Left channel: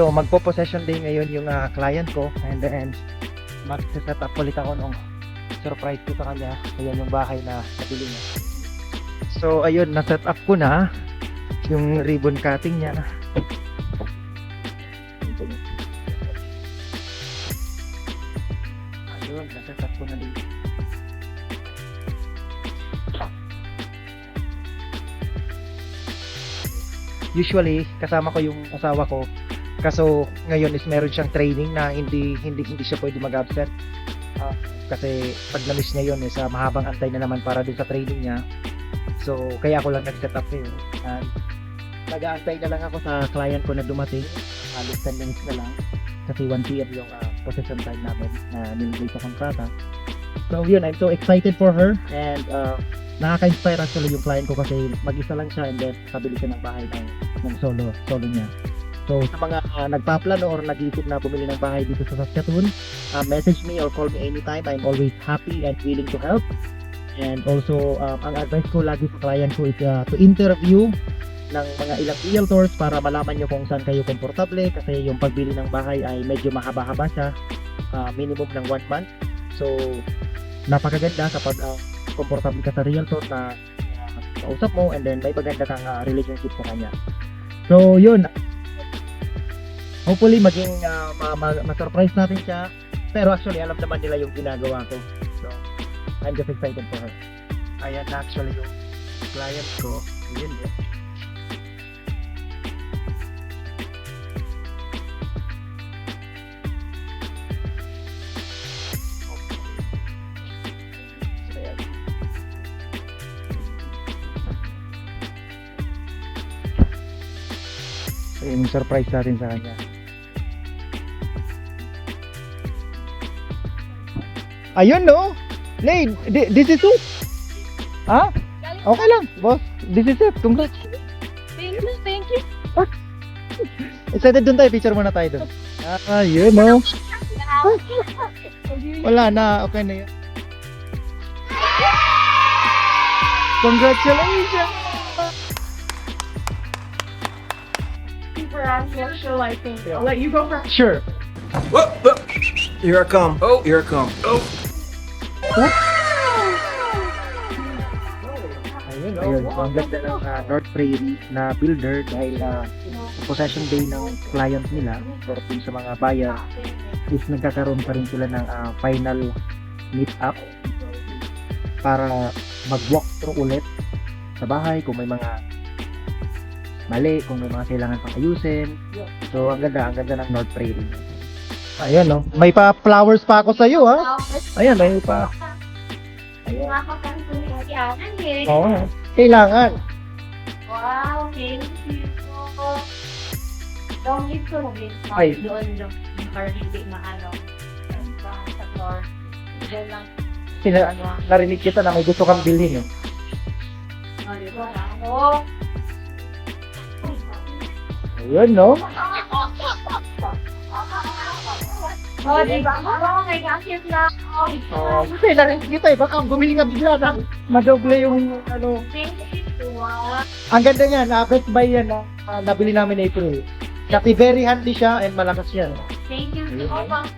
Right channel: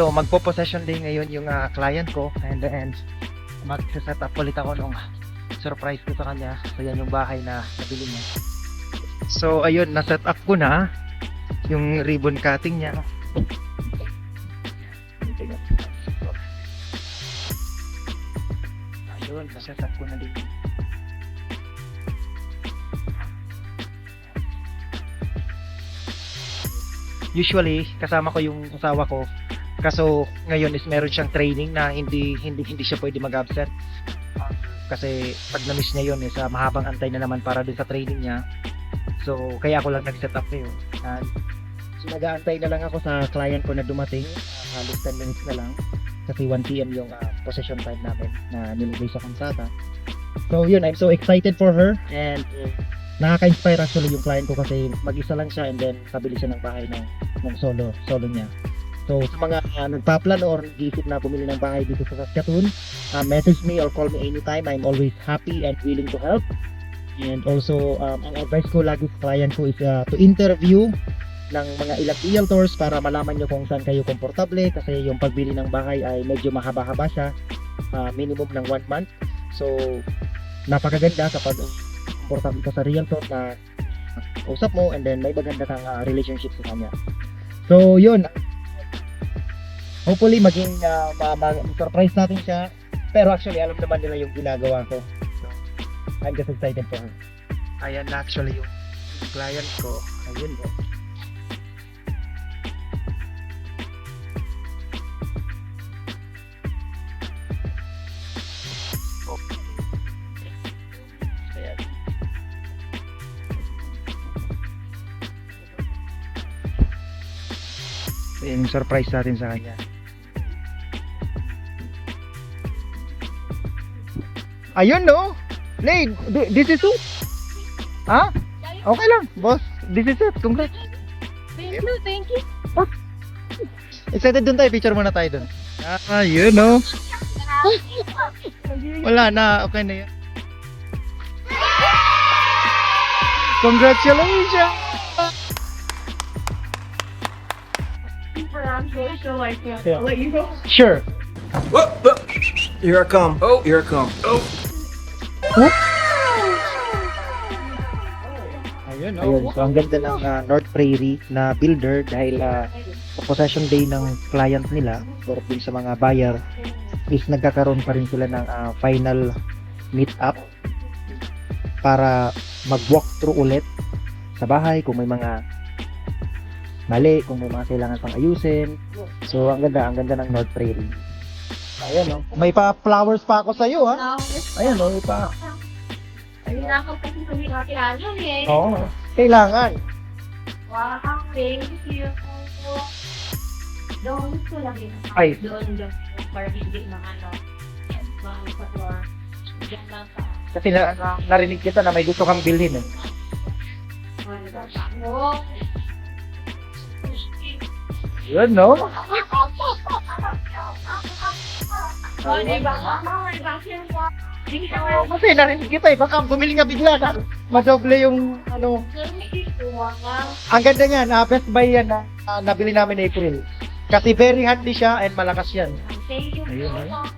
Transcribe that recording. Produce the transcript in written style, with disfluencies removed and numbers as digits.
So magpo-possession din ngayon yung client ko, and then mag-set up ulit ako ng surprise ko sa kanya. So yan yung bahay na nabili niya. So ayun, na-set up ko na yung ribbon cutting niya. Ayun, na-set up ko na din. Usually kasama ko yung asawa ko, kaso ngayon is meron siyang training na hindi siya pwede mag-absent. Kasi pag na-miss niya yun is mahabang antay na naman para din sa training niya. So kaya ako lang nag-set up yun. And so nag-aantay na lang ako sa client ko na dumating. Halos 10 minutes na lang kasi 1 PM yung position time namin na nilagay sa kalsada. So yun, I'm so excited for her, and nakaka-inspire actually yung client ko kasi mag-isa lang siya, and then pabili siya ng bahay ng solo niya. So sa mga nagpaplano or nag-iisip na bumili ng bahay dito sa Saskatoon, message me or call me anytime. I'm always happy and willing to help. And also, ang advice ko lagi sa client ko is to interview ng mga ilang realtors para malaman nyo kung saan kayo komportable, kasi yung pagbili ng bahay ay medyo mahaba-haba siya, minimum ng 1 month. So napakaganda kapag komportable ka sa realtor na kausap mo, and then may maganda kang relationship sa kanya. So yun, hopefully maging ma-surprise natin siya, pero actually alam naman nila yung ginagawa ko. So I'm just excited for her. Ayan na actually yung client ko. Ayun eh. Yung surprise natin sa kanya. Ayun no? Lane, this is it. Ha? Okay lang, boss. This is it. Congrats. Thank you. Excited dun tayo. Picture muna tayo dun. Ayun no? Wala na. Okay na yun. Congratulations! So I can I'll let you go first. Sure. Whoop, whoop. Here I come. Oh, here I come. Oh. Ayun, so ang ganda ng North Prairie na builder dahil sa possession day ng client nila or sa mga buyer is nagkakaroon pa rin sila ng final meet up para mag-walk through ulit sa bahay kung may mga mali, kung may mga kailangan pang ayusin. So ang ganda ng North Prairie. Ayan no, may pa flowers pa ako sa iyo ha. Ayan, may pa. Ayun. Nakapagpapalihanan eh. Oo, kailangan. Wow, thank you po. Dongis ko na din. Ay. Doon yung party na ano. Sa floor. Doon lang sa. Kasi narinig kita na may gusto kang bilhin eh. Oh, Ayun no. oh, diba? Oh, may vacuum na. Kasi narinig kita eh, baka bumili nga bigla na madoble yung ano. Thank you. Wow. Ang ganda niyan, Best Buy yan na nabili namin April. Kasi very handy siya and malakas yan. Thank you so much.